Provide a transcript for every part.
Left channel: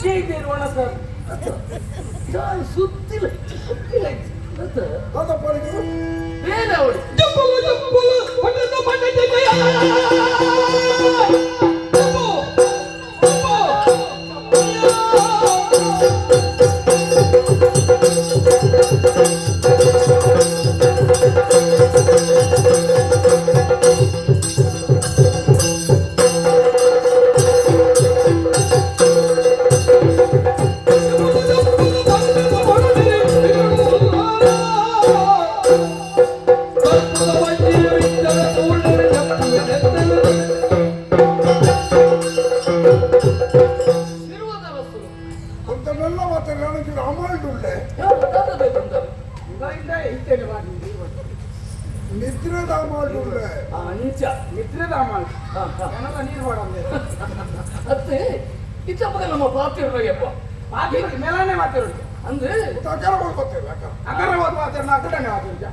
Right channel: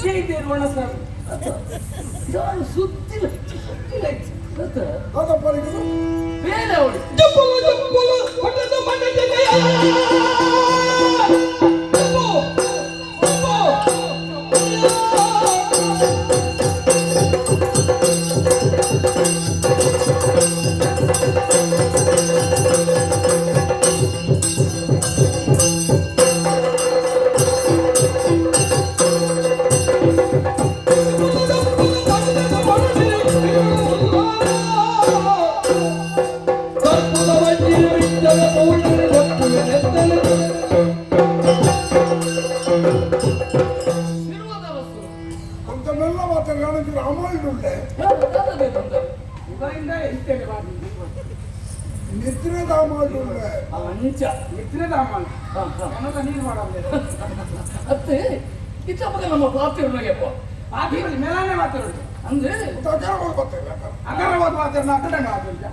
ಜೈದೇರೋಣ sir ಸುತ್ತಿಲ್ಲ ಅದಪ್ಪನಿಗೆ ಬೇರೆ ಅವಳು ನೀರು ಮಾಡೋದು ಅತ್ತೆ ಇತ್ತಪ್ಪದ ನಮ್ಮ ಪಾತ್ರೆಯಪ್ಪ ಪಾತ್ರೆ ಮೇಲಾನೆ ಮಾತಾಡೋದು ಅಂದ್ರೆ ಅಗರವಾದ ಮಾತಾಡ ನಾಲ್ಕನೇ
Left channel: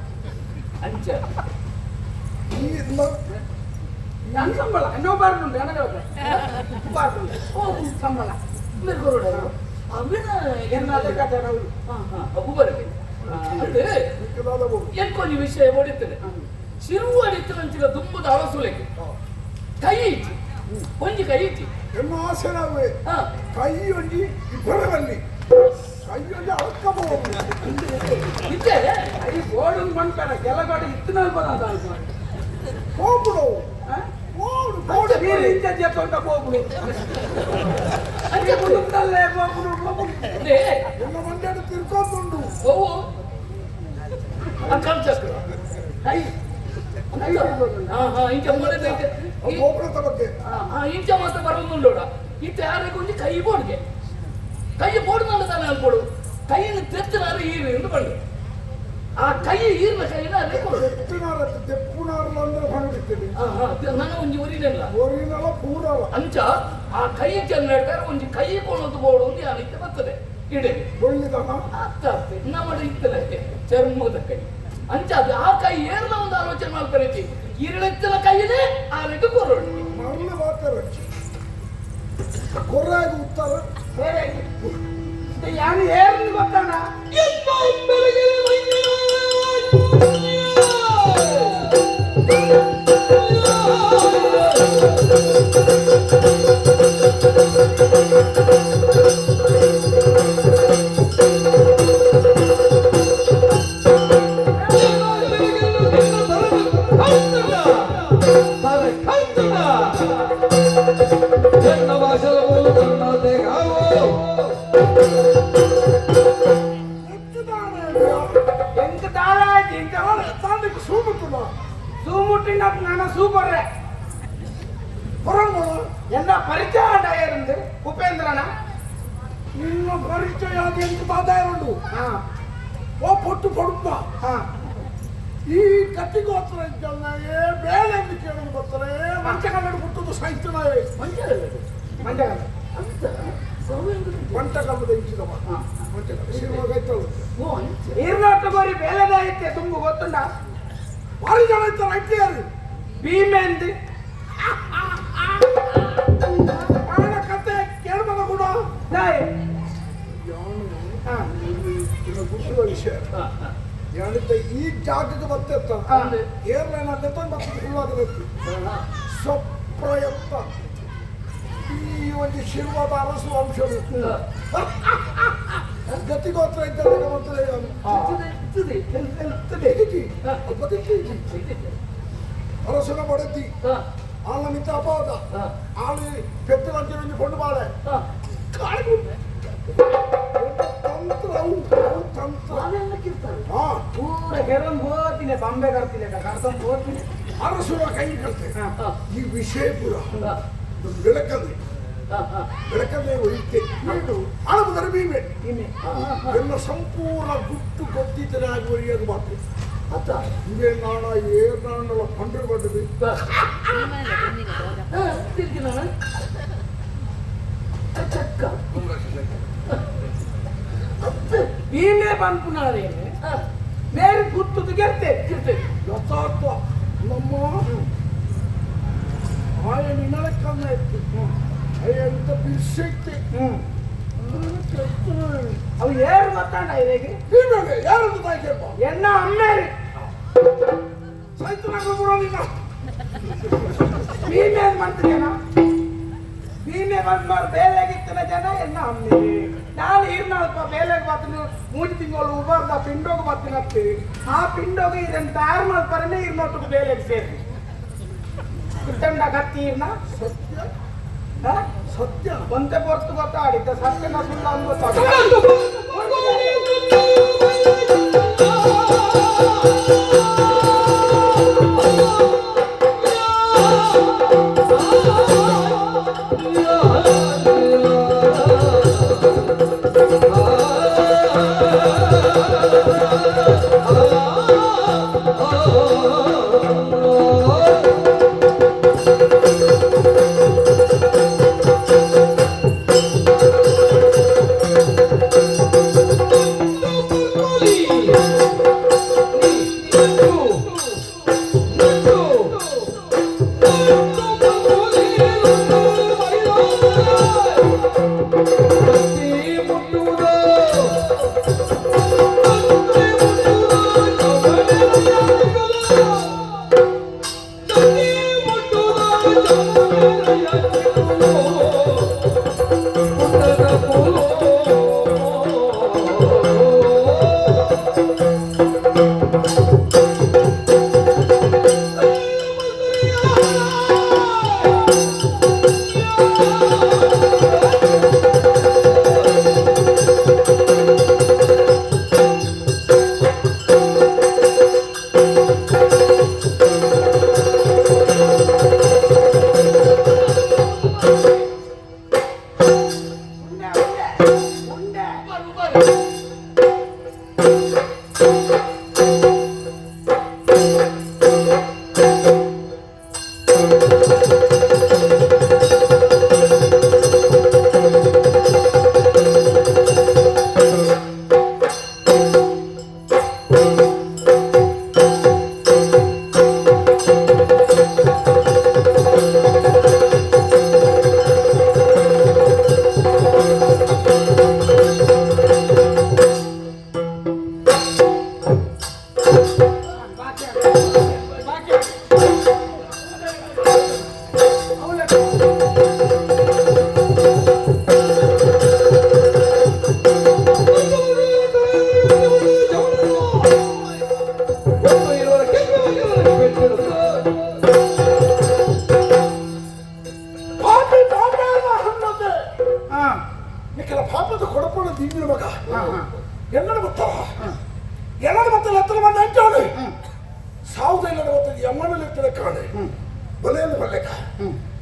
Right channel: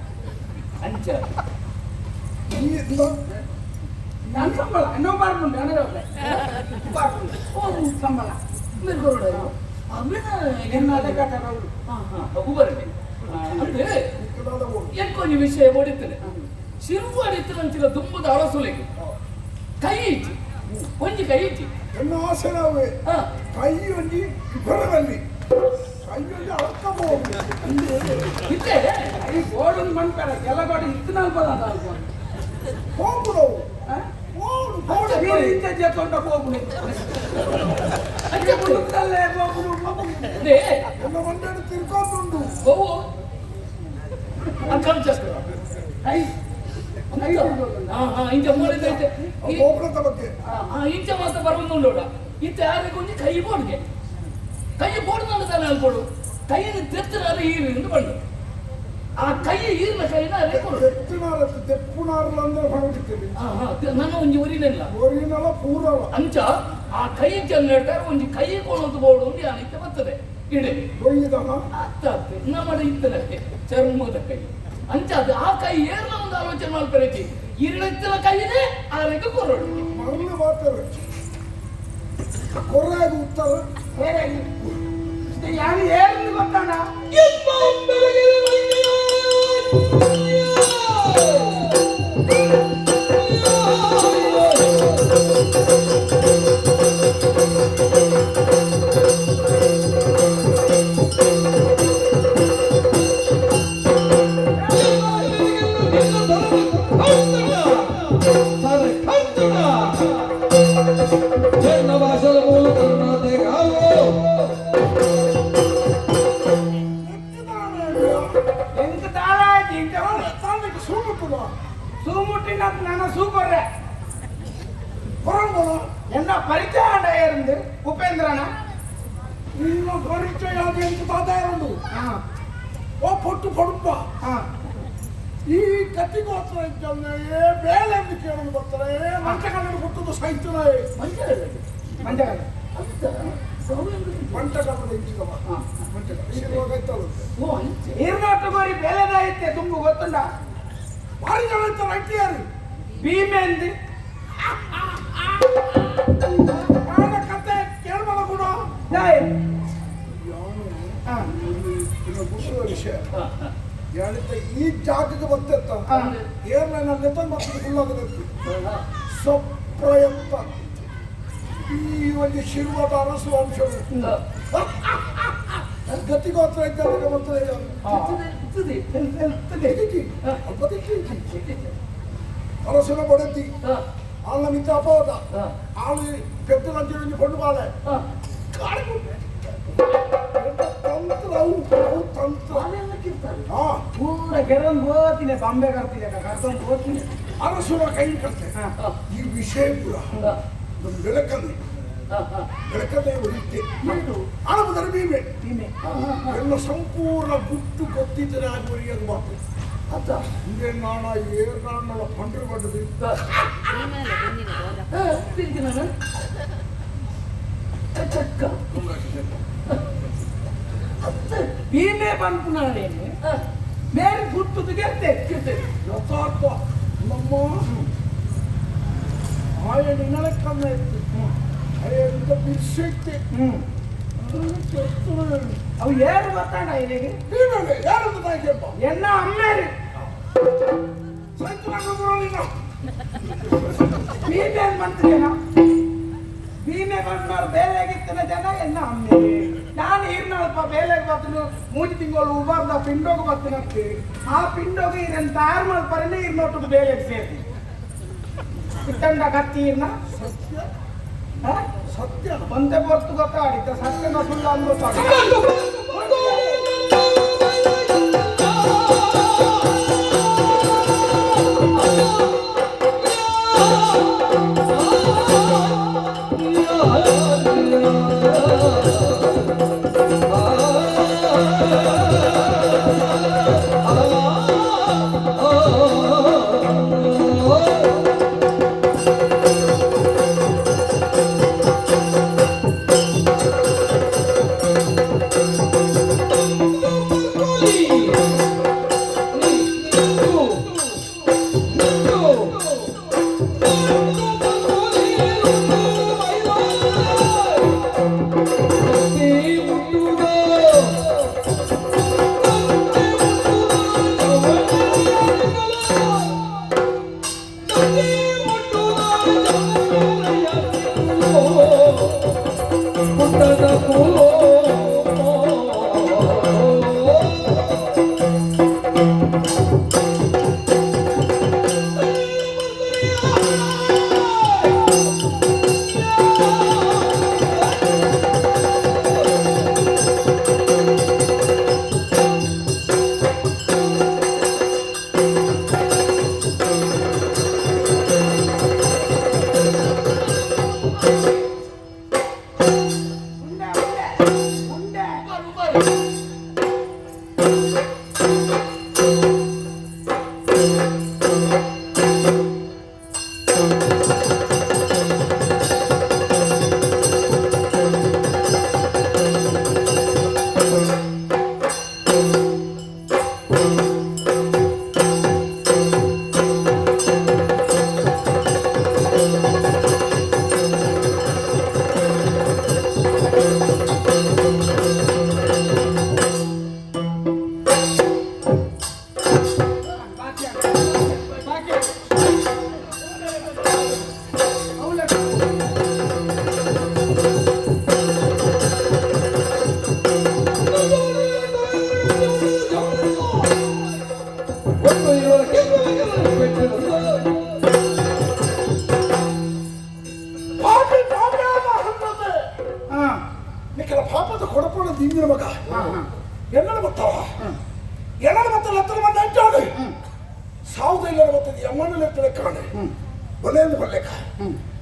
ಅಂಚ ನಾನು ಸಂಬಳ ಇನ್ನೂ ಬಾರ್ದುಂಟು ಸಂಬಳ ಮೇಲ್ಕೊರೋಡ ಎಂಕೊಂದು ವಿಷಯ ಓಡಿರ್ತದೆ ಶಿರುವಾಡಿತ್ತಂತಿಲ್ಲ ದುಂಬದ ಅಳಸುಲೆಗೆ ಕೈ ಇಟ್ಟಿ ಒಂಜಿ ಕೈ ಇಟ್ಟಿ ಎನ್ನ ಆಸೆ ನಾವೇ ಕೈ ಒಂಜಿ ಬರವಲ್ಲಿ ಕೈ ಒಂಜಿ ಅಳಕಬಹುದು ಇತ್ತೆ ಕೈ ಗೋಡನ್ ಮಣ್ಪೇರ ಎಲ್ಲ ಗೋಡ ಇತ್ತು ನಲ್ಪದ ಅಂತ ಹೋಗ್ಬಿಡವು ತೊಂಡ ಹೋಗ್ಬಿಡು ಅಲ್ಲೇ ಹೋಗ್ಬಿಡು ಎಲ್ಲ ಮಂಡಾಡು ತಿರ್ಕೊಂಡುಂಡು ಹೋಗು ಅಂಕಲ್ ಕೈ ಇಂಚ ಮೂಡೈತೆ ಇಂಚ ಮಾತ್ರ ಬರೋದು ಇಂತ ಯಾರಿಗೊಂದು ಕೈ ಬೋಡ್ಗೆ ಕೈ ಬೋಡ್ದಂಡ ತಾನೆ ಅನ್ಕೊಡು ಕೈಯನ್ನು ತೆತ್ತಿನಾರು ಈರಿಂದ ಬಂದು ಆ ಕೈ ಈರ್ನ ಕೈನ ಅದೇ ಕೊಡು ನನ್ನ ಒಂಜಿ ಒರಿನೆಲ್ಲ ಅಂಚ ಆ ಕೈ ಚೆನ್ನ ಹೇಳ್ತಾರೆ ಒಂದು ಕೈ ಕೊಡೋದು ಬೋಡು ಒಂದು ಯಾರಿಕ್ಕೆ ಬರ್ತದೆ ಇಡೆ ಅರ್ಥ ಆಗ್ತದೆ ನಮ್ಮ ಇತ್ತನಕ್ಕೆ ಚರ್ಮದ ಕೈ ಅಂಚ ಅದು ಆ ಕೈ ಏರ್ನ ಒಂದು ಆಲೋಚನೆ ಮಾಡ್ತಾರೆ ಇರಡತ್ತಿನ ಕೈಯೇ ಆ ರೆಕ್ಕ ಕೊರೋಡು ಮರಳು ಮಾತಾಡ ಕೊರ್ರಾಗಿ ಉತ್ತರ ಯಾರು ಏರ್ನ ಗೊತ್ತಾನ சூப்பர் என்ன பரிச்சயம் இருந்து உபேந்திரனா இன்னும் பரிச்சயம் அது எனக்கு தாதாயிரம் ஓ பொட்டு பொடுப்பா ಈ ಕತ್ತಿಗೋತ್ರ ಇದ್ದಲ್ಲ ಬೇಳೆ ಎಂದು ಕೇಳೋದು ಬರ್ತಾರೆ ಮಂಟಗಲ್ಲಡು ಕೊಟ್ಟದ್ದು ಸಹಿತನಾವೆ ಮಂಟಗಲ್ಲದ ಇಂಚಿದವ ಮಂಟಗಲ್ಲ ಶಿರೋಗೈತಳು ನೀರ್ನಾಟಗೋರಿ ಬೇಳೆದಾಯಿತೆ ತುಂಬು ಗೊತ್ತುಂಡ ಭಾರಿ ಜನ ಇರ್ತಾರೆ ಐಟಿಯಾರು ಭೀಮೆಂದು ಕತೆ ಕೇಳ್ಬಲ್ಲ ಕೂಡ ಖುಷಿಯ ವಿಷಯ ಯಾಣಿತ ಈ ಜಾಗಕ್ಕೆ ಬರ್ತೇತ್ತ ಏರ್ಲೈನ್ ಅಲ್ಲಿ ಮತ್ತೆ ಫುಲ್ಲಾಗದಕ್ಕೆ ಸ್ವಪ್ರಯತ್ನ ಈ ಒಂದು ಶಿವದ ಅರಸು ವಂಶಗಳು ಗತಿಗೋತ್ರ ಇದ್ದಾಗ ಬರ್ತದೆ ಅರಸನ ಬಡತಿ ಆಳ ಮಿತ್ರ ಅಪೋದ ಆಳು ಪೆತ್ತ ಲಂಚ ಕೊಂಡು ಬಾಳೆ ತಂತ್ರ ಅವು ತಂತ್ರ ಅರಸುರ ಕೈ ಕಟ್ತೆ ಈ ವಿಷಯ ಪುರ ಬೆಳಕಲ್ಲಿ ಬೆಳಕಲ್ಲೇ ಒಯ್ತೆ ಆಳಬುದರ ಭೀಮೆ ಎನ್ನ ಸಂಪೂರ್ಣ ಗುಟ್ಟು ಗೊತ್ತಿದ್ದನೆ ಆಗುವರಿಗೆ ಅದು ಬಾಕು ಹಿಂಗೆ ನಾಣ ಏರ್ನಾಳ ಪಂಡ್ರು ಬಂದದು ಭೀಮೆ ಬಂಪುನಾಳೆ ಮೇರೆ ಗುತ್ತುದು ಗೆತ್ತೆ ಯಥಾರ್ಥ ನಮ್ಮ ಆಯ ನಿನ್ನಲಕ್ಕನ್ನ ಎತ್ತು ಎಂತ ಬಿರ್ಸೈತೆ ಅವು ಏರು ಬರ್ತಾನ ಇಲ್ಲಿಗೆ ನೀವೇನೆ ಯಾರದ್ದು ನಾಯ್ಕೆಪ್ಪ ಎನ್ನ ಅಮ್ಮೇರಿ ಸೈತು ನೀನು ನೀನೇನ್ ಮಾಡ್ತೀಯನ ನೀನೇ ಬಂದ್ಮಾರು ಬೇಲೆಗಿತ್ತಿನ ಜನ ಎನ್ನ ಅಮ್ಮೇರಿ ನಾನು ಇರ್ನಲ್ಪ ಬೇಲೆಗೆ ಬರ್ತೀನಿ 3 ತಿಂಗಳು ಉಬಾರ್ದ ಪಿಂಡೋಗ ಬರ್ತೀನಿ ಅಂತೀವಿ ಆ ಪಿಂಡೋಗ ಇದನ್ನು ತಯಾರು ಮಾಡ್ಬಾರನೆ ಇರ್ನೊಟ್ಟು ಬೇಲೆಗೆ ಸೇರಿ ಇಟ್ಟಂಡ ಕತ್ತಿ ಇರ್ನ ಸತ್ಯ ಸತ್ಯ ಒಂದೇ ಹೊರತು ಗೊತ್ತಾಡಿದ್ದ ಸತ್ಯನ ಸುಳ್ಳು ಅನ್ಬೋದು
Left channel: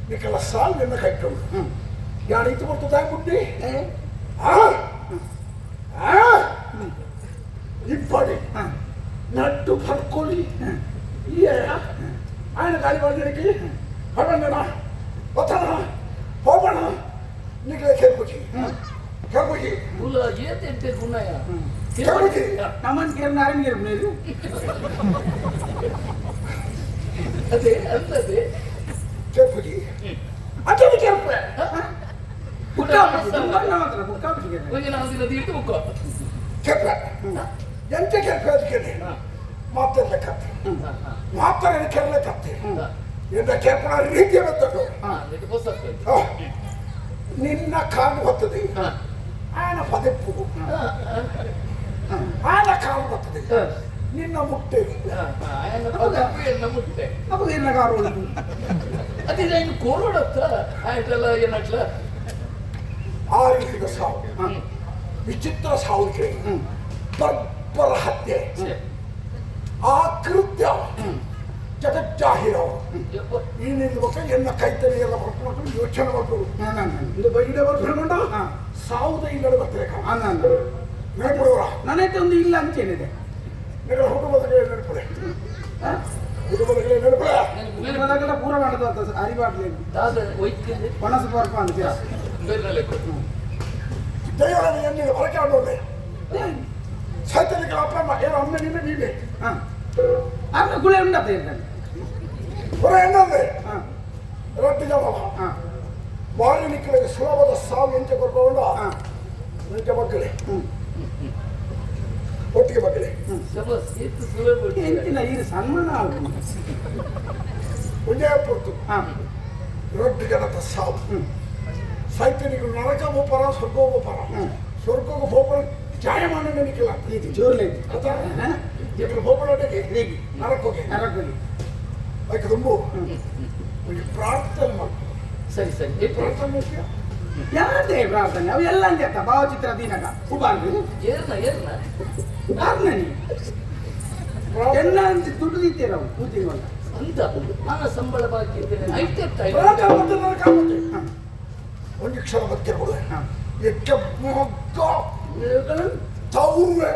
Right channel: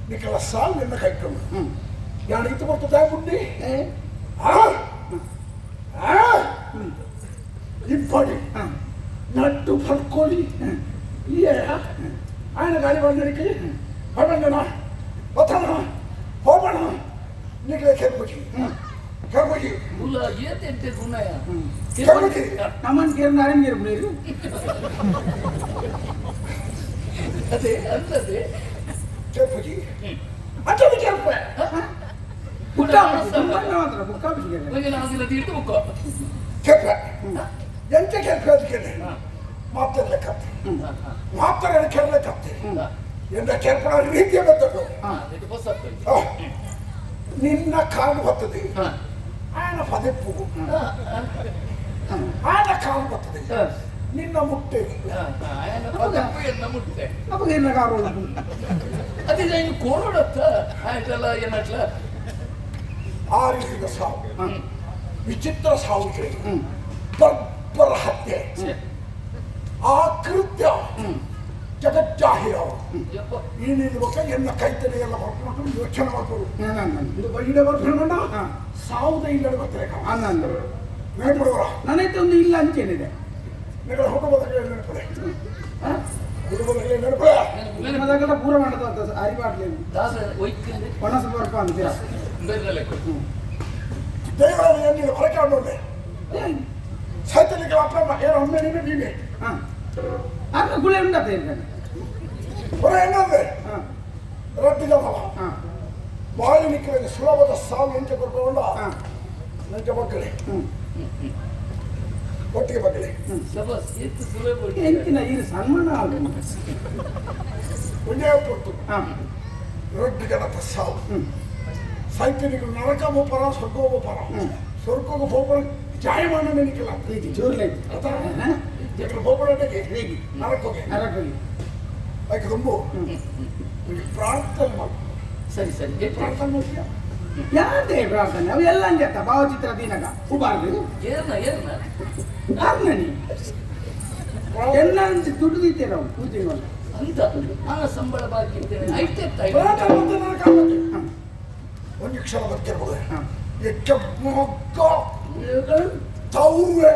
ನಿಕಲ ಸಾಲ್ ನಿನ್ನ ಕೈಕೊಂಡು ಯಾರು ಇತ್ತು ಬರ್ತದ ಬುದ್ಧಿ ಇಪ್ಪಡಿ ನಟ್ಟು ಪಡ್ಕೊಳ್ಳಿ ఆయన గాడి వాళ్ళకి పడంగన వతన పోబణ నీకు కెర్పుకి కెర్పుకి గులా ఏంటంటే గున్నాయా కెర్పుకి నమన్ కెర్నారని మీరు మీరు అదే అంతదే కెర్పుకి అంటే కెర్పు బుక్కా మాత్ర బుక్కా బిస్కెట్ కొంచెం నాదిల తీర్ತು బుక్కా కెర్పు ಎಂತ కెర్పు ಅದಕ್ಕೆ ಮಾತಲ್ಲ ಕತ್ತೆ ಮಾತಾಡಿದ ಕೆರಳೆ ಕತ್ತೆ ಎನ್ನ ಕೆರ್ಪುರ ರೀತಿಯ ಬರ್ತದೆ ನಿನ್ನ ಕಾಲು ಬರ್ತದೆ ಆನ ಪದಪ್ಪು ಆನ ಕಾಲು ಬರ್ತದೆ ನಿನ್ನ ಮುಟ್ಟೆ ఆయన పదపు ఎన్న ముట్టే అప్పుడు ఎన్న కారు అది ఆయన కోరడత్త ఆయనలా ఎన్నట్ల ಆ ರೀತಿಯ ಸಾವು ವಿಚಿತ್ರ ಸಾವಿಗೆ ಬರ್ಬರ ಹತ್ಯೆ ಆ ಕೃತ್ಯ ಜಗಜ್ಜಾಹಿರ ಈ ನಿಲ್ಲುವಾಗ ಎನ್ನ ಕೈತನೆಗೆಲ್ಲ ಹೊರಟು ಯೋಚನೆ ಮಾಡ್ಬೋದು ಇದು ಬೈಡೆ ಬರ್ಕೊಂಡ 1540 ನೆನಪಿಡುವ ನನ್ನೈತೆ ಒಂದು ಇಲ್ಲ ಅಂಚೇನಿದೆ ನಿಗಳ ಹುಡುಗದಲ್ಲಿ ನೆನಪಿದೆ ಹುಡುಗದಲ್ಲಿ ನೆನಪಿದೆ ನೆನಪದಾಗಲ ಪೂರ ಮಾಡದಂತ ಅರಿವಾಡ್ಲೇನು ಪಣಸು ಬರ್ಪ ಅಂತ ದೇವರನ್ನು ಎನ್ನಿಗೆ ಹೊರಕಾಡೋದೆ ಸೈತನಿಗೆ ಅಕ್ರಮ ಏನು ಅಮ್ಮ ನೀನೆ ಅನ್ನ ಗುಳೆ ಉಂಡತ ಇರ್ತಾನೆ ಹೊರ ಹೆಂಗಂದ್ರೆ ರೊಟ್ಟಿ ಜಪ ಬಾಯಿ ನಿಕ್ಕಲಿಗೆ ಸುಲಭದ ಸಾವು ಎಂತ ಕೊಟ್ಟವಲ್ಲ ನಂಗೆ ಮಕ್ಕಳೇ ಒಟ್ಟಿಗೆ ಮಕ್ಕಳೇ ಎಂಚಿನ ಈ ಸನ್ಮಾನ ಆಗುದು ಒಂದೇ ಪೊತ್ತು ರೊಟ್ಟಿ ಜನತ ಸಾವು ಸೈತನಿಗೆ ನರಕವು ಪರ ಸ್ವರ್ಗವು ಪರ ಸ್ವರ್ಗವು ಹೋಗಲು ಜಾಯಮಾನ ನೆನಕಿಲ್ಲ ಜೋರ್ಲೆ ఇక్కడ ಹೋಗಲೊಟ್ಟಿಗೆ ಹೇಗೆ ನರಕೋಗೆ ಅದಕ್ಕೆ ತುಂಬ ಪ್ರಾರ್ಥನೆ ಮಾಡಿ ಸರಿ ಸರಿ ಪ್ರಾರ್ಥನೆ ಮಾಡ್ತೀರಾ ಯಾರೇ ಪ್ರಾರ್ಥನೆ ಅವು ಎಲ್ಲ ಅಂಜತ್ತ ಭಾವಚಿತ್ರ ದಿನಗ ಉಬಾರ್ದು ಏರ್ನ ಆರ್ನನಿ ಎಲ್ಲ ಅಂತ ದುಡ್ಡು ದಿತ್ತೇವೆ ನಾವು ಕೂತಿವಲ್ಲ ಅಂತ ನನ್ನ ಸಂಬಳ ಬಾಕಿ ಇದ್ದೇನೆ ಒಂದು ಕ್ಷಣ ಬದುಕಿರ್ಬೋದು ಎಕ್ಕ ಮಗ್ಗ ತೌವೆ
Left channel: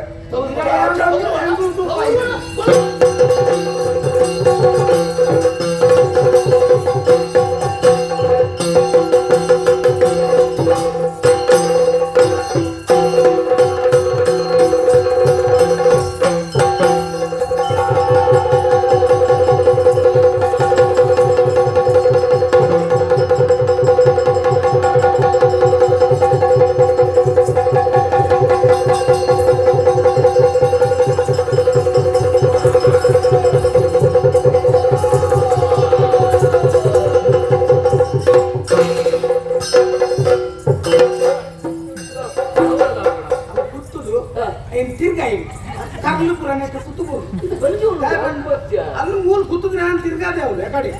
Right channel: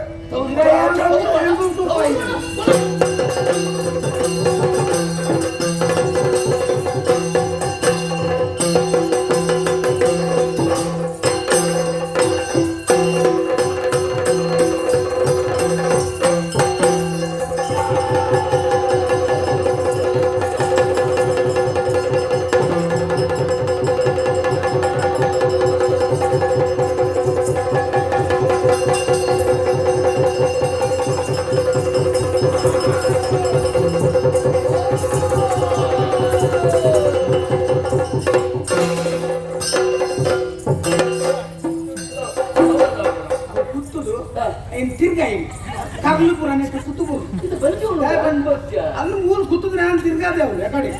ಅಲ್ಲಿ ಮೂಲ ಕೂತದ ನಾನು ತಿರ್ಗಾದೆ ಅವ್ರು ಯಾಕಡೆ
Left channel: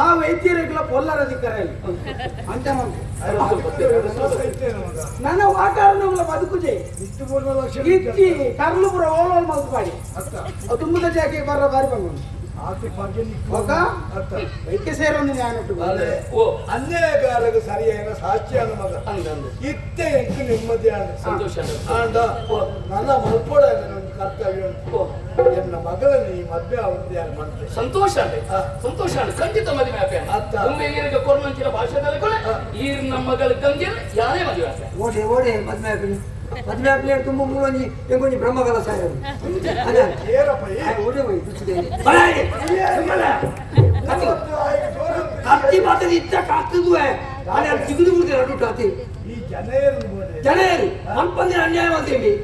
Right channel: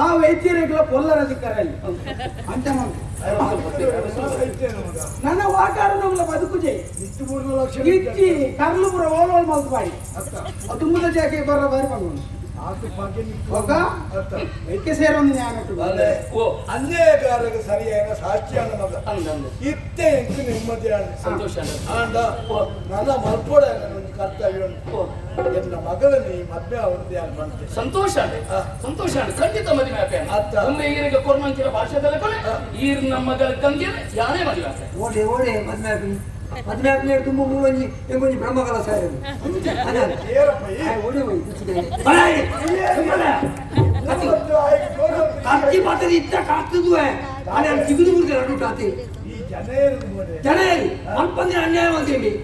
ಆ ವೈದ್ಯರಿಗೆಲ್ಲ ಪೊಲ್ಲರ ಅಧಿಕಾರ ಇಲ್ಲಿ ಅಂತ ನನ್ನ ವಾತಾವರಣ ಬದುಕುಜೆ ಇಚ್ಚಿ ಕರ್ಲುಪುರ ಓಲೋಲ್ ಮಲ್ಕಾಡಿ ತುಂಬದ ಜಾಕೆ ಬರ ಬಾರಿ ಬಂದು ವೈದ್ಯ ಸೇರೊಂದು ಅನ್ಯಾಯಕಾರಕ್ಕೆ ಸರಿಯಾದ ಸಾಕ್ಷ್ಯಾನ ಮಗ ಇತ್ತೆ ಎಂಟು ನೆಮ್ಮದಿಯಾದ ಸಂತೋಷ ನನ್ನ ಮಲ್ಪೋಡ ಕರ್ತವ್ಯ ಎನ್ನ ಮಗಳನ್ನು ಈ ಮದ್ವೆ ಅವ್ರದ್ದೇ ಮಾಡ್ತೇವೆ ಸಂತೋಷ ಸಂತೋಷ ಖಂಡಿತ ಮದುವೆ ಆಪೆ ಒಮ್ಮೆ ಈರಿಗೆ ಕೊರ್ಮಂಚಿನ ಭಾಷೆದಲ್ಲಿ ಕೊನೆ ಈರ್ ನಮ್ಮ ಮಗಳ ತಂಗಿ ಯಾನೇ ಮದುವೆ ಆಪೆ ಓಡೆ ಓಡೆ ಮದ್ವೆ ಆಪ್ಲೆ ತುಂಬ ಮೂಲೊಂಜಿ ಎಂಗೊಂಜಿ ಬ್ರಹ್ಮಗಳ ಸಾಯರು ಓಡೆ ಹೋಯ್ ಕತ್ತಿ ಮಾತದಿ ಇತ್ತ ಕಾಸ್ತದುವೆ ಆನೆ ಸಿಗುದು ಮುರ್ದೆ ರಡು ಕಾತಿ ಈ ಜನರು ಮಲ್ಪಂದಿನ ಅನ್ಯಾಯ ಮಾಡ್ತೀರಿ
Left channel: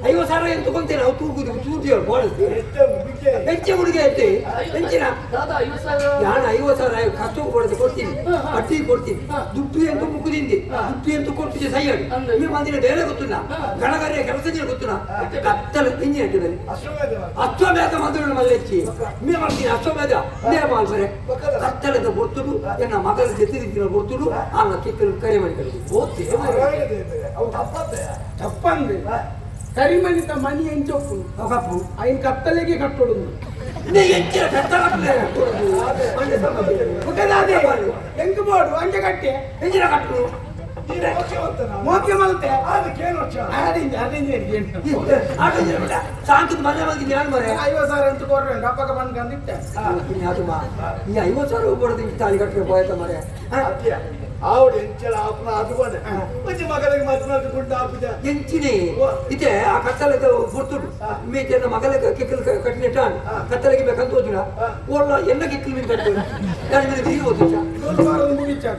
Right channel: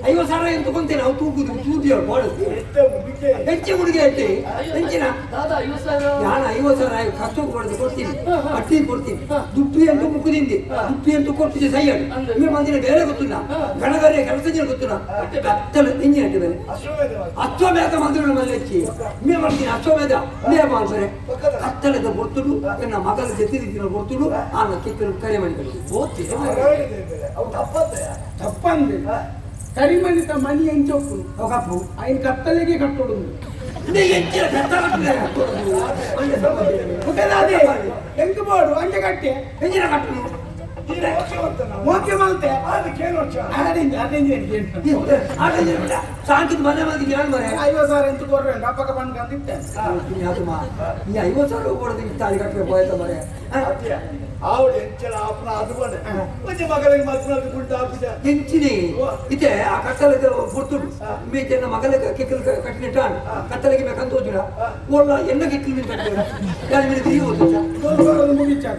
50,000 ಏನು ತಗೊಂತೇನೆ ನಾವು ತೂಗುದು ತೂದಿ ಹೆಚ್ಚೆ ಹುಡುಗಿ ಐತೆ ಹೆಚ್ಚಿನ ನಾನು 50,000 ಕಷ್ಟ ಕೊಡೋದು ಕೊಡ್ತೀನಿ ಅಟ್ಟಿ ಕೊಡ್ತೀನಿ ದುಪ್ಪಿ ಅಂತೂ ಮುಖದಿಂದಿ ದುಪ್ಪಿ ಅಂತೂ ಕೊಟ್ಟಿದ್ದೆ ಸೈಯಡ್ ನಿಮ್ಮ ಮಂದಿನ ಬೇರೆ ಗೊತ್ತಿಲ್ಲ ಗಣಗರೆ ಕೆಲಸ ಗೊತ್ತಿಲ್ಲ ಕತ್ತಲ ಇಂಜಿನ್ ಹಾಕಿದ್ದಾರೆ ಅಶ್ವಮೇಧ ಮಂದಿರ ಮಲ್ಲಚ್ಚಿ ಮೇ ಮಾಡ್ತೀನಿ ಅಶ್ವಮೇಧ ಮೇ ಮಾಡ್ತಾರೆ ಕತ್ತಲದ ಬರ್ತುಡು ನನ್ನ ಮಗನ ಜೊತೆ ಬರ್ತುಡು ಆ ಕಿಕ್ಕಲು ಕರೆ ಮಾಡಿ ತಪ್ಪಂದ್ರೆ ಕರಿಮನಿತ ಮನಿ ಎಂಚೊಪ್ಪು ಕಪ್ಪು ಐನ್ ಕತ್ತಲೆಗೆ ಕಟ್ಟೋಡು ಎಂಟು ಬೋರ್ಡು ಅಂಜೆ ಕಟ್ಟೆ ಹೆಂಚಿನ ಕಟ್ಟುದು ಮೋಕೆ ಮಲ್ತೆ ಸಾಕಿದ್ ಮನೆ ಮಲ್ತೀನಿ ನಾನು ಮರೆ 50,000 ಅಂತ ಕೊಡ್ರೆ ಡಬ್ಬಕ ಬಂದು ಕಂದಿಟ್ಟೆ ಈ 50,000 ಕೊಡೋದು ತಾಳಿ ಕಟ್ಟಲೆ ಬಾಯ್ತ ಮರೆ ಆವಿಡ ಎಂಚಲ ಆಪನ ಅದುಕೊಂಡೆ ಒಂಜಿ ಮಗಳಿಗೆ ಮಸ್ನದು ಗುಡ್ಡ ಆಪುಜ ಎಂಚಿನಿ ಇತೆ ಆ ಕತ್ತಲದ ಬರ್ತುಡು ಮೇಕೆ ನನ್ನ ಮಗಲ ಕಿಕ್ಕಲ್ ಕಟ್ಟಿನ ಟಾನ್ ಕತ್ತಲಗೆ ಬೇಕಂತ ಹೋದಿನ ಓಲ್ಲ ಎನ್ನ ಕಿಕ್ಕಲ್ ಮೀನ್ ಕಟ್ಟಿ ನಾನು ಮೇಲೆ ತಿರುಗಿ ಹೋದ ಮುಗಿಚಾಗ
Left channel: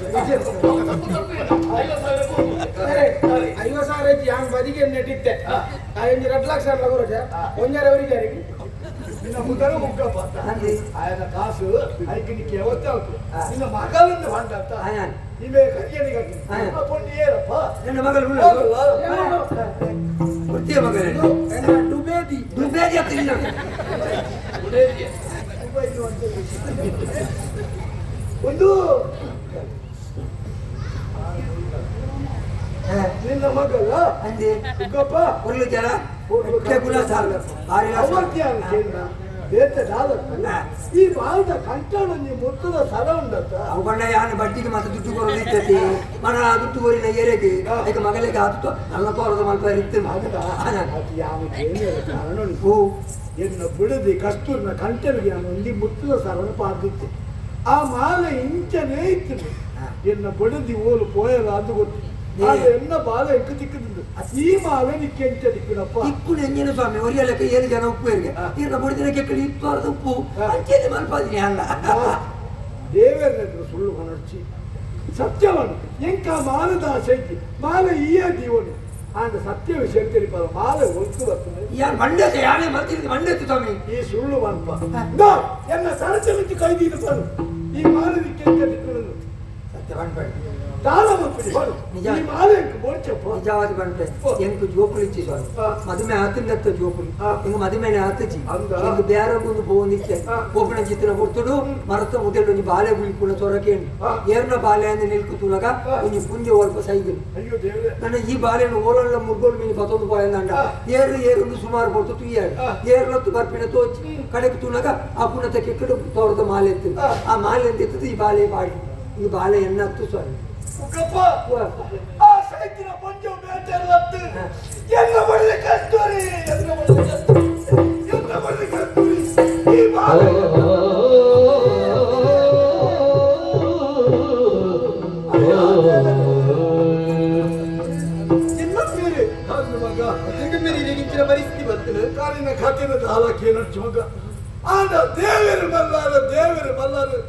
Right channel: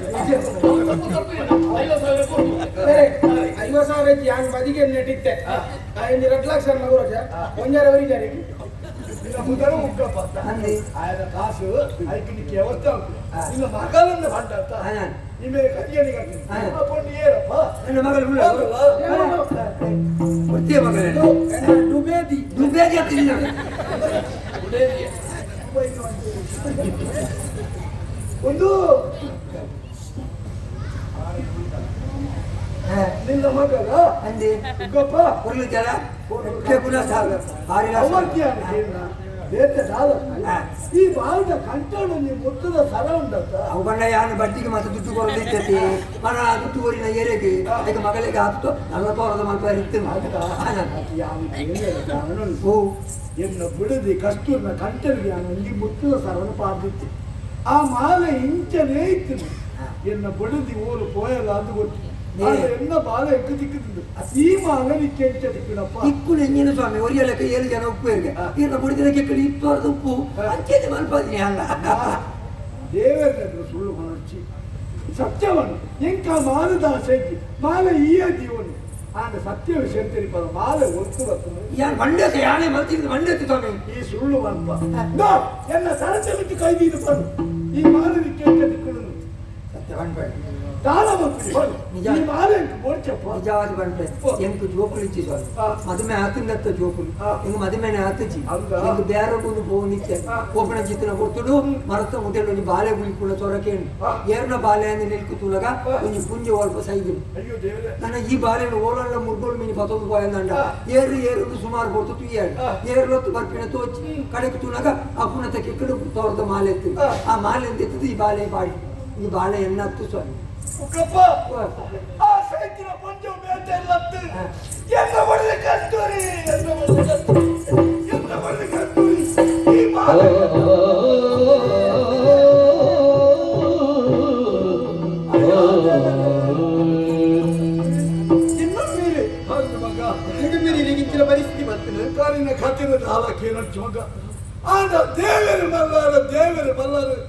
50,000 ಹ್ಯಾಂಗ ಬದಿಗೆ ನೆಟ್ಟಿತ್ತೆ ಐದು 2 ಲಕ್ಷ ಬರೋಜ ಒಂದರವರಿದ್ದಾರೆ ನಿನ್ನ ಮುದರ ಉಗ್ಗಪ್ಪ ಆಯದ ಕಾಸು ಐಕಿನಿಕ್ಕೆ ಯಾವತ್ತೂ ನಿನ್ನ ಮಗಳನ್ನು ಬಂದಂತ ನಿಮಗೆ ಕರಿಯನಿಗೆ ಪೊಂಡಿ ಏನಪ್ಪ ನನ್ನ ಮಗಳು ಗೊತ್ತಿಯ ಮಗಳೇ ದುಬೇದಿ ಹತ್ತಿನ ಒಂದು ನಿನ್ನ ಮಗಳ ಅಂದೆ ಉಗ್ಗಪ್ಪ ಒಂದು ಜನ ಈ ಬಾಲ್ದ ಕಂಟೊಂದು ಮುತ್ತದ ಸರ ಉಂಡತ್ತ ಅವುಕೊಂಡ ಯಾನು ಬಡ್ಡಿಗೆ ಮತ್ತೆ ದುಡ್ಡು ಕೊಡೋದಿರ್ತೈತಿ ಮನ ದುಡ್ಡು ಕೊರಿನ ಏರೆಗೆ ಅದಕ್ಕೆ ಮಗಳಿಗೆ ಆತು 40,000 ಮಲ್ಪ ಇರ್ತೇನೆ ಕಾರಣ ಉಂಟು ಎನ್ನ ಬಿಡದಿ ಕಸ್ತೂರಿನ ಕಂಟಲಿಗೆ ನಾನು ಒಂದು ಮುತ್ತದ ಸರವನ್ನು ಪಾಡ್ದಿತ್ತು ಆ ಮಾಲೆ ಇಂಚನೇ ಇತ್ತು ಎನ್ನ ಬಿಡದಿ ಓಲು ಪೋಯಲ್ಲ ಅದು ಗೊತ್ತು ಎನ್ನ ಬಾಲ ಎಕ್ಕ ದಿಕ್ಕುದು ಈ ಮಾಲೆ ನಿಕ್ಕೆ ಎಂಚ ದಿಕ್ಕಿನಪ್ಪ ಇಕ್ಕು ಎಂಜಿನ ಸ್ವಾಮಿ ಒರಿಯಲಕ್ಕೆ 7 ಜನ ಉಪ್ಪು ಇರಿಗೆ ಈಗ ಬಡಿದಿನ ಕೆಕ್ಕಡಿ 20,000 ಉಪ್ಪು ಅಂಚೆದೆ ಮಲ್ಪಾದಿನಿ ಅಲ್ಲ ದೇವರದ್ದು ಸುಳ್ಳು ಮನರ್ಚಿ ಸತ್ಯವನ್ನು ಎಂಕ ಮಾಲದಾಸ ಐತಿ ಮಾಲೆ ಈ ದೀವನು ಆಂಡ ಸತ್ಯ ವಿಷಯ ತಿಳಿಪಾರ ಮಾಲೆ ಒತ್ತು ಬರ್ತದೆ ಯಾನ್ ಮಂಡ್ಯಕ್ಕೆ ಯಾನೇ ಮರ್ತಿದ್ದು ಮಂಡ್ಯಕ್ಕೆ ಸ್ವಾಮಿ ಈ ಸುಳ್ಳು ಅಲ್ಪ ಎನ್ನ ಸರಚಲಿಕ್ಕೆ ಕೈದೀದು ಬರು ಈ ಮಾಲೆ ಕೇಳ್ಕೊಂಡು ಸತ್ಯ ಬಂದ್ಬೇಡ ತಾಳ ಮಕ್ಕಳು ಈ ಮಾಲೆ ಬೋಡ್ಚಪ್ಪ ನಿಜವಾದ ಬಂದ್ರೆ ಎಂಕು ಜೋಕುಲು ಇಚ್ಚಿ ಸ್ವಾಮಿ ಮದುವೆ ಆತಂಗತ್ತ ಜೋಕುಲು ಇಂಗ ಮದುವೆನೆ ಆತಜಿ ಇಂಗ ಬೇರೆ ಒಂದು ಬೋನಿಕ್ಕೆ ಒಬ್ಬನ ಚಿತ್ರ ಕೊಡ್ತುಡು ಮರತ ಮುದ್ದೆಡು ಒಂದು ಬಾಲೆ ಗುಳಿಕುಳ ಸೊರಕೇನು ಏರ್ನ ಬಾಲೆ ಅಂದ್ರೆ ನಿಲ್ಕುತುಲಗ ಒಂದು ಪುಂಜೆ ಒಲ್ಪ ಸೈದು ಅಯ್ಯೋ ದೇವರೇ ನನ್ನ ಈ ಬಾಲೆನು ಓಲಲ್ಲ ಮುರ್ಗೋಲ್ ಮೀನು ಪತೊಂದು పోయిందంట ಏರು ಸುಮಾರು ಕೊಟ್ಟು ತುಯ್ಯಾడు ಏರ್ಲೊತ್ತು ಬರ್ಪಿನ ತೋಚಿ ಕಡೆಗೆ ತುನಗ ಆ ಪುನಃ ಕೆಕ್ಕಡು ತೋರದ ಮಾಲೆ ಎತ್ತು ಆ ಮಾಲೆ ಅಂತ ಎತ್ತದು ಈ ಬಾಲೆ ಪಾಡಿ ಈ ಬಾಲೆ ಎನ್ನತ್ತು ಸ್ವಾಮಿ ಆ ಸೈತಿನ ಪಂಚು ಬೇಟೆಲ್ಲತ್ತು ಎಲ್ಲ ಬರಲಿ ಕಸ್ತೂರಿ ಎಲ್ಲ ಬರಲಿ ಕಸ್ತೂರಿ ಎಲ್ಲ ಬರಲಿ ಕಸ್ತೂರಿ ಈ ಮಾಲೆ ಇಚ್ಚಿನ ಪರಿಸ್ಥಿತಿ ಬರ್ತದೆ ಕಾರಿನ ಖಾತಿನ ಹಾಲಕ್ಕೆ ನಚ್ಚು ಮಗ ಆಂಡ ದೇವರು ಮಲ್ಲಾರು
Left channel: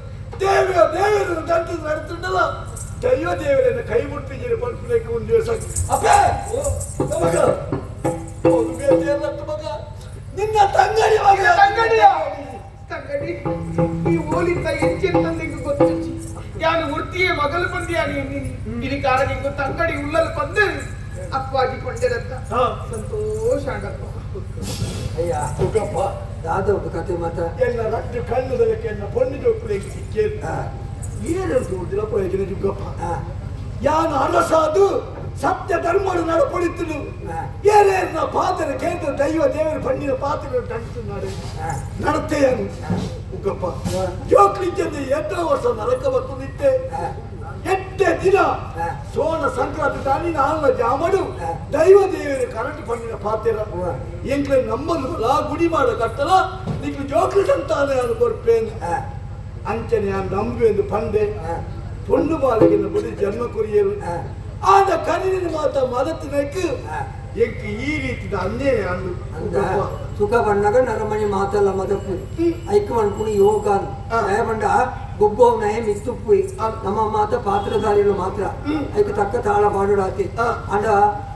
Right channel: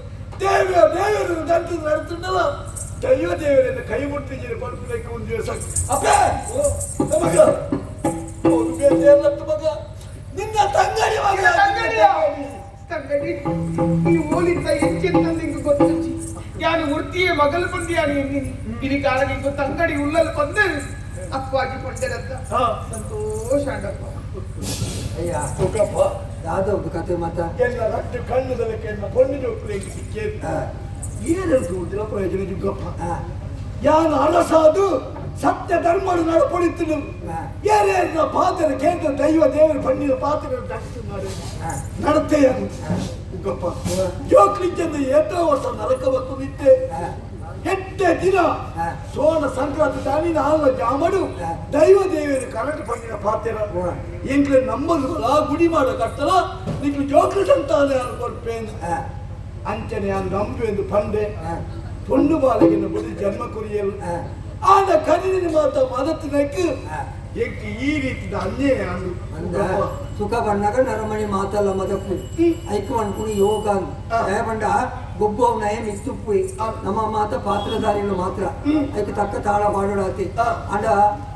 ದೇವರು ದಂತು ನಡೆತಿದ್ದಲ್ಲ ದೈವ ದೇವರನ್ನ ಕೈ ಮುಟ್ಟಿದ್ದೀರಿ ಪಡ್ಕೊಳಕ್ಕೆ ಒಂದು ದಿವಸ ಅಪ್ಪೇ ಮಗ ಹೌದು ಬೇಟೆಲ್ಲತ್ತು ಮಗ ನಿನ್ನ ತಂಗಡಿ ಮಗ ತಂಗಡಿ ಈ ಓಲಿಂದ ಹೆಚ್ಚಿನ ನಿಂಗೆ ಗೊತ್ತು ಯಾನು ಮೂರ್ತಿಯ ಮಗಲು ಬಂದಿಯಾನಿ ಇಲ್ಲಿ ಕಾಲ ನಿಂಗೆ ತಂಗಡಿ ಉಳ್ಳಲು ಬಂದು ಅಕ್ವಾಗಿ ಪಡ್ಡರಂತ ಸಂತೋಷ ಆಗಪ್ಪ ಅಯ್ಯ ಸುಖಪ್ಪ ದಾದವ್ದು ಕತೆ ಮತ್ತ ಎಲ್ಲ ರಟ್ಟು ಕಣ್ಣದಕ್ಕೆ ಎನ್ನ ಪೊಣ್ಣು ಜೋಕ್ಲಿಕ್ಕೆ ಸಿಕ್ಕೇ ಏನು ಕೂಡಿಲ್ಲ ಪ್ರಯೋಜನ ಜುಗ್ಗಪ್ಪ ಯಾನು ಅರಸಾದು ಸತ್ಯ ಧರ್ಮರು ನಡ್ಕೊಳಿತು ಏನೇನ ಪಾತ್ರ ಕೇಂದ್ರ ದೈವ ದೇವರ ಪಣ್ಣಿನ ಪಾತ್ರ ನಡತೆ ಅದು ಉಗ್ಗಪ್ಪ ಜೋಕ್ಲಿಂಚಂದ ಎಷ್ಟೋ ವರ್ಷ ನರಕ ಬರ್ತದಿತ್ತೆ ಎಟ್ಟೆ ದಿನ ಸೋನ ಸಂಕ್ರಾಂತಿ ತಾನಿನ ಹಾಲ ಜಾಮಡು ದೈವ ದೇವರ ಕರಟಿ ಪಣ್ಣಿನ ಪಾತ್ರ ಎಂಕ್ಲೆ ನಮ್ಮಲ್ಲ ಗುಡಿ ಮಾಡೋ ಕಟ್ಟಲ ನಿಕ್ಲು ಜೋಕ್ಲಿ ಸಂತಾನ ಕೊರ್ಪೇನು ಅಂಚನೆ ಆ ನಂಬಿ ಎಂದು ಪಂದೆ ಪೊಂಡು ಬಾಲಗಿನ ಬರೀ ಜನ್ಮ ಕೊರಿಯಲು ಆದ ಕರಿನ ಮಾತ ಮದತ್ತಿನಕ್ಕೆ ಎಂಕ್ ಈ ರೀತಿಯ ಅನ್ಯಾಯ ಅಂದ ಸುಖ ಬಂದಾಗ ನರಮಣಿ ಮಾತಲ್ಲ ಮದಪ್ಪು ಐಕ್ ಮನ್ಪುಣಿ ಯೋಗ ಬಂಡ ಗೊಬ್ಬವ್ ನಯ ಮಿತ್ತುಪ್ಪು ನಮ್ಮ ಮಾತ ಪಾತ್ರಧಾರಿಗಳು ಮಾತ್ರ ಐಕ್ ತಕ್ಕ ತಾಳ ಮಾಡೋಡಾತಿ ಅಂಡ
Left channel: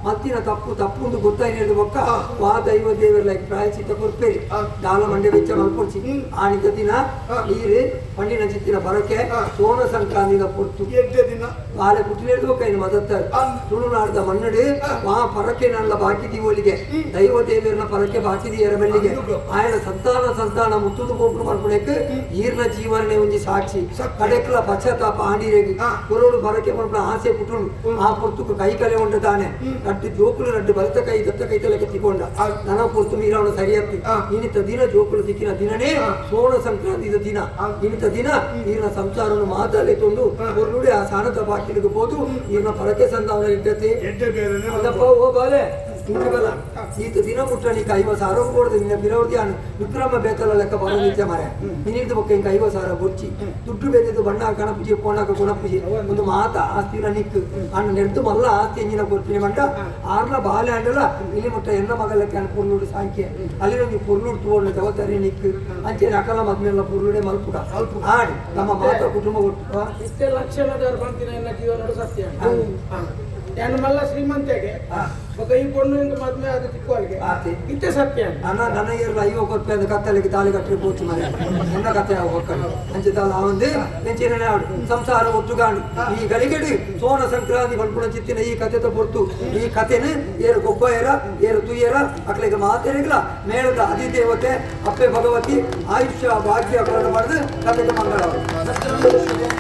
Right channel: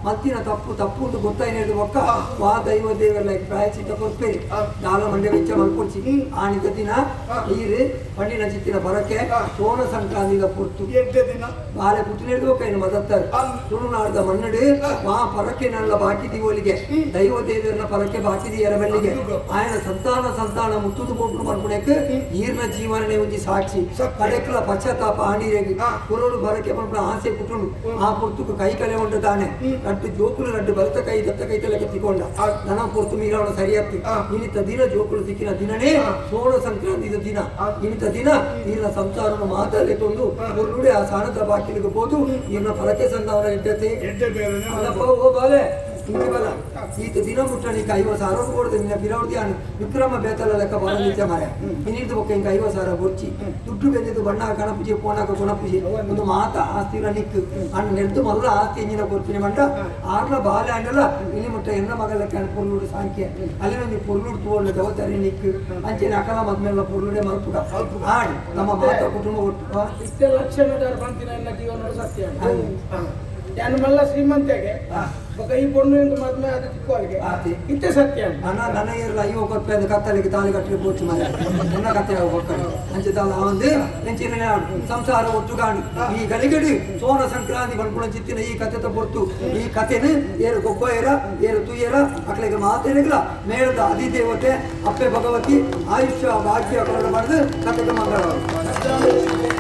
ಮತ್ತಿನ ತಪ್ಪುಂಡು ಗೊತ್ತಾಯಿನೇದು ಒಕ್ಕ ವಾ ದೈವ ದೇವರ ಲೈಕ್ ಪ್ರಾಯಚಿತ್ತ ಕೊರ್ಪೇರಿ ದಾಳ ಮಂಡೆ ವೆಚ್ಚ ಮಲ್ಪೊಡ್ಸಿ ಆಣಿದ ದಿನ ನೀರು ಪಂಡಿನ ಚಿತ್ತಿನ ಬರಕ್ಕೆ ಸೋನ ಸಂಕ್ರಾಂತಿಗ ಪೊರ್ತು ದಿನ ಬಾಲೆ ಪುಟ್ಟಿನೇದು ಕೈನ ಮದತ್ತಾರೆ ತುಳುನಾಡ್ದ ಮನ್ನಡು ವಾ ಪರಕ್ಕೆ ನಲ್ಲ ಬಾಕಿ ದಿವೋಲಿಗೆ ದೈವ ದೇವರನ್ನ ಪರಕ್ಕೆ ಬಾಕಿದಿ ಎರಬೆಲ್ಲಿಗೆ ಆಯನ ಸಂತಾನ ಮುತ್ತುದು ಗೋಪುರ ಮಾಡ್ಕೊಳಕ್ಕೆ ಈರ್ನ ಜೀವನನೇ ಒಂಜಿ ಸಾಕ್ಷಿ ಕಡೆಕ್ಲ ಪಶ್ಚಾತ್ತಾಪ ಆಂಡಿರೇಗಿ ಕುರೋಡು ಬರಕ್ಕೆ ಮಾಡ್ಕೊಂಡು ಆಸೆ ಪುಟ್ಟುಂಡು ಆ ಪುರ್ತುಕು ಕೈ ಕಲೆ ಉಂಟು ತಾನೆ ರಡ್ಡು ಜೋಕುಲು ರಡ್ಡು ಬಲತ ಕೈ ದತ್ತ ಕೈ ತಲೆಗೆ ತಿಕ್ಕೊಂಡ ನನ ಪುರ್ತು ಮೀರಾಡು ಸರಿಯಾಗ್ತಿ ಇನ್ನಿತ ದಿನ ಜೋಕುಲು ದಿಕ್ಕಿನ ದಿನನೇ ಸೋನ ಸಂಕ್ರಾಂತಿದ ದಿನ ಇನ್ನಿತ ದಿನ ಈರ್ನ ಸಂಸಾರವನ್ನು ಮಾತಾಡಿಕೊಂಡು ಕುರುಡೆ ಆ ಸಾಣದ ಬಾಕಿಲಿಗೆ ಹೋದು ಈರ್ನ ಪರಕ್ಕೆ ಸಂಧಾವನ ಇದ್ದತೆ ಅಲ್ಲಪ್ಪ ಓ ಬಾಲೆ ಹಿಂಗವಲ್ಲ ಈತ ದಿನ ಮುಟ್ಟ ನೀಕ 50,000 ಕೊಡ್ದು ನಿನ್ನ ಬಿರವರ್ತಿ ವಿಕ್ರಮ ಬೇತಲ ಲೆಕ್ಕ ಬರೋದಿತ್ತೆ ಮರೆ ಇನ್ನಿದ್ದು ಬೊಕ್ಕ ಹಿಂಗೆ 50,000 ಗುರ್ಚಿ ದುಡ್ಡು ಬೇದಿದ್ದು ಬಣ್ಣ ಕಣಪೂಜೆ ಪೋಣಕ ಗುಣಪೂಜೆ ಒಂದು ಮಾತ ಆಸ್ತಿರ ನಿಕ್ಕು ಅಣ್ಣ ನೆಡ್ದು ಮಲ್ಲ ಆಸ್ತಿ ಎಂಜಿನ ಕೊಡ್ತೀನಿ ಮಂಟ ಆರ್ನ ಬಾಲೆ ಅಣ್ಣಲ್ಲ ಇಲ್ಲಿ ಮುಟ್ಟ ಎನ್ನ ಮಗಲಕ್ಕೆ ಅಣ್ಣ ಪೊರ್ಲುಡು ಸಾಂಖ್ಯ ಅಲ್ಲಿ ಒಂದು ಪೊರ್ಲುಡು ಪೋರ್ಲ ಜವಾಬ್ದಾರಿ ನಿಕ್ಕು ಅಂಚೆನೆ ಅಕಲ ಮದ್ಮೇಲೆ ಪೊರ್ಲುಡೆ ಮಲ್ಪುಡ ಆಡಿ ನಮ್ಮ ಮಾತ ಕುಟುಂಬ ಒಟ್ಟು ಇಷ್ಟೇ ಲಕ್ಷಣದಾರ ಬಂತಿನ ಎಲ್ಲ ಜೀವನ ಸತ್ಯ ಯಾನು ಮಲ್ಲ ಶ್ರೀಮಂತೆಗೆ ಈ ಪೊಣ್ಣು ಮದ್ಮೆ ಅದು ತಿಕ್ಕೋಲ್ಗೆ ಇತ್ತೆ ಸತ್ಯ ನನ್ನ ಎಲ್ಲ 50 ರೂಪಾಯಿ ಕತ್ತಲಿಗೆ ತಾಲಿ ಕಟ್ಟಲಿ ಪೂರ್ತಿ ಮನೆ ನನ್ನ ಕತ್ತೆ ಹೋಗ್ಕೊಂಡು ಅಂಚೆ ತಾಲ ಅವಂದು ನೆಂಚಿನ ಸಂಸಾರ ಒಟ್ಟುಗಾಣಿ ಈ ಗಲಿಗಡಿ ಸೋನ ಸಂಕ್ರಾಂತಿ ಬಲ್ಪುಣ ಚಿತ್ತಿನ ಈ ಕತೆ ಹೊರ್ತು ಈ ಕಥೆನ ಏರು ಗೊಬ್ಬ ಏರು ತುಯ್ಯರ ಅಕ್ಕಳಿಗೆ ಮಾತೇನಿಲ್ಲ ಮೇಳದ ಅಧಿದೇವತೆ ಅಪ್ಪೆ ಭಗವತಿ ಆಯುಷ್ಯ ಭಾಗ್ಯ ಮಾಡಿದು ಕತೆಗೆ ಮಂಗಳವಾರ